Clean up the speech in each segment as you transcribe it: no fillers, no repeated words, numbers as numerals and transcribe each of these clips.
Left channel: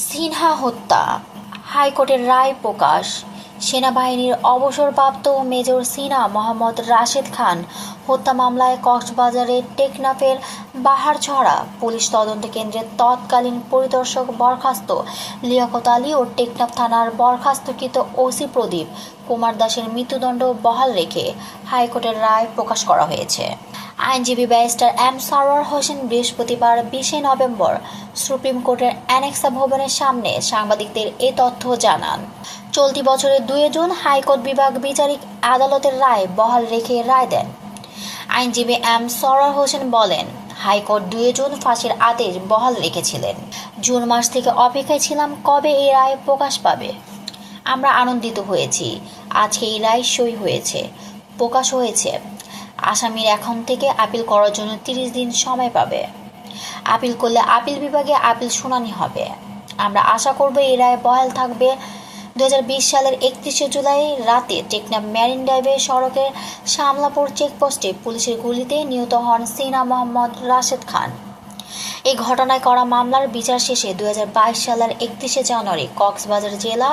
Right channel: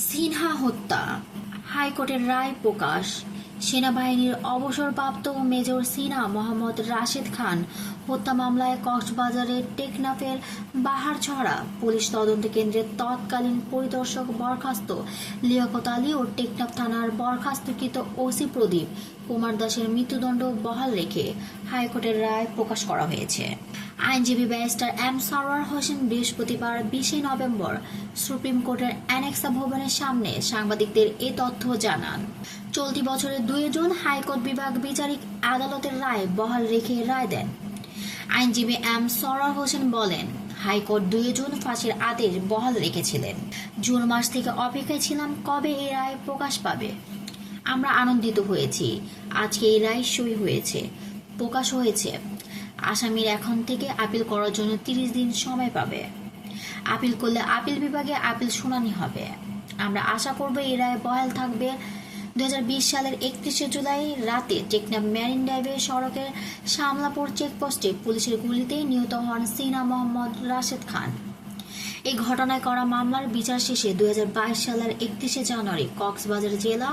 সিনহা হত্যা, হাইকোর্টের রায় প্রকাশ। সেনাবাহিনীর অবসরপ্রাপ্ত মেজর সিনহা মোহাম্মদ রাশেদ খান হত্যা মামলায় কক্সবাজারের টেকনাফের বাহারছড়া পুলিশ তদন্ত কেন্দ্রের তৎকালীন পরিদর্শক বরখাস্ত লিয়াকত আলী ও টেকনাফ থানার বরখাস্তকৃত ওসি প্রদীপ কুমার দাসের মৃত্যুদণ্ড বহাল রেখে হাইকোর্টের রায় প্রকাশ করা হয়েছে। আইনজীবী ব্যারিস্টার এম সারোয়ার হোসেন বৃহস্পতিবার 20 নভেম্বর সুপ্রিম কোর্টের অ্যানেক্সা ভবনের সামনে সাংবাদিকদের এ তথ্য জানান। চলতি বছরের 2 জুন হাইকোর্ট বিভাগ বিচারিক আদালতের রায় বহাল রেখে রায় দেন। আইনজীবী এম সারোয়ার হোসেন বলেন, হাইকোর্ট 2 জুন ফাঁসির আদেশ বহাল রেখেছিলেন। জুন মাস থেকে অপেক্ষায় ছিলাম কবে এই রায় প্রকাশ পাবে। আমরা আনন্দিত হয়েছি, আজকে এই রায় সই হয়েছে, প্রকাশ হয়েছে। আসামির এখন থেকে আপিল করার জন্য 30 দিন সময় পাবে। আপিল করলে আপিল বিভাগে আপিল শুনানি হবে। আমরা আশা করব এই রায় বহাল থাকবে। 2020 সালের 31 জুলাই রাতে টেকনাফ মেরিন ড্রাইভের সড়কের শামলাপুর চেকপোস্টে পুলিশের গুলিতে নিহত হন সিনহা মোহাম্মদ রাশেদ খান। এই ঘটনায় করা মামলার বিচার শেষে 2022 সালের 31 জানুয়ারি কক্সবাজার জেলা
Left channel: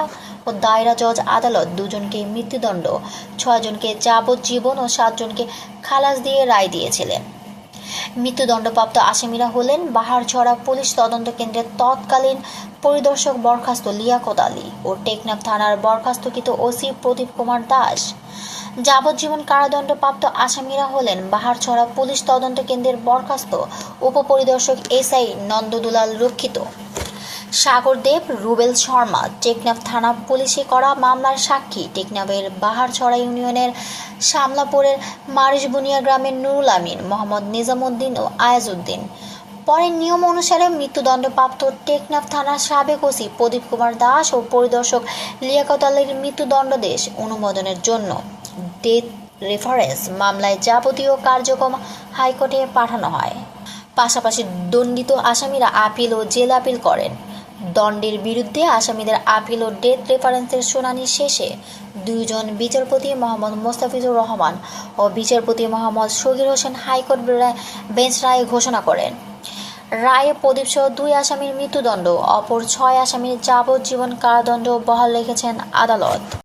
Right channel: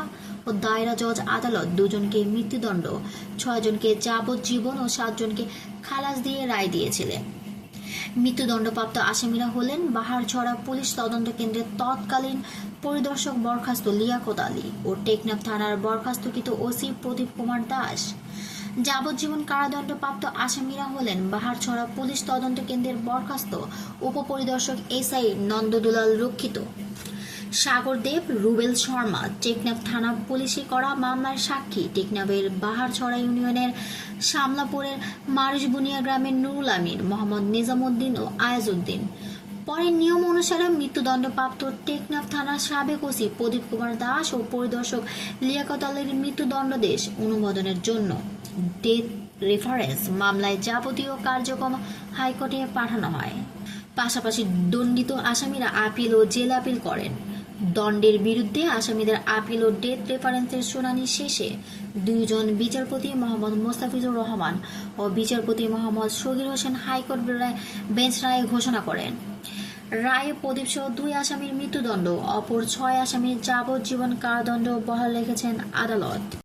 ও দায়রা জজ আদালত 2 জনকে মৃত্যুদণ্ড, 6 জনকে যাবজ্জীবন ও 7 জনকে খালাস দিয়ে রায় দিয়েছিলেন। মৃত্যুদণ্ডপ্রাপ্ত আসামিরা হলেন বাহারছড়া পুলিশ তদন্ত কেন্দ্রের তৎকালীন পরিদর্শক বরখাস্ত লিয়াকত আলী ও টেকনাফ থানার বরখাস্তকৃত ওসি প্রদীপ কুমার দাস। যাবজ্জীবন কারাদণ্ডপ্রাপ্ত আসামিরা হলেন বাহারছড়া পুলিশ তদন্ত কেন্দ্রের বরখাস্ত উপপরিদর্শক এসআই নন্দদুলাল রক্ষিত, সাগর দেব, রুবেল শর্মা। টেকনাফ থানা পুলিশে করা মামলার সাক্ষী টেকনাফের বাহারছড়া ইউনিয়নের শামলাপুরের মারিশবুনিয়া গ্রামের নুরুল আমিন, মোহাম্মদ নিজামুদ্দিন ও আয়াজউদ্দিন। পরে নিয়ম অনুসারে মৃত্যুদণ্ডপ্রাপ্ত টেকনাফ থানার সাবেক ওসি প্রদীপ কুমার দাস ও পরিদর্শক লিয়াকত আলীর মৃত্যুদণ্ডাদেশ অনুমোদনের জন্য ডেথ রেফারেন্স মামলায় যাবতীয় কার্যক্রম হাইকোর্টে পাঠানো হয়। পাশাপাশি দণ্ডিত আসামিরা আপিল ও জেল আপিল করেন। দণ্ডের বিরুদ্ধে আসামিদের আপিল ও ডেথ রেফারেন্সের শুনানি শেষে 2 জন বিচারপতি মোহাম্মদ মোস্তাফিজুর রহমান ও বিচারপতি মোহাম্মদ শগীর হোসেন হাইকোর্ট বেঞ্চ রায় ঘোষণা করেন। রায়ে প্রদীপসহ 2 আসামির মৃত্যুদণ্ড, অপর 6 আসামির যাবজ্জীবন কারাদণ্ড বহাল রেখেছেন আদালত।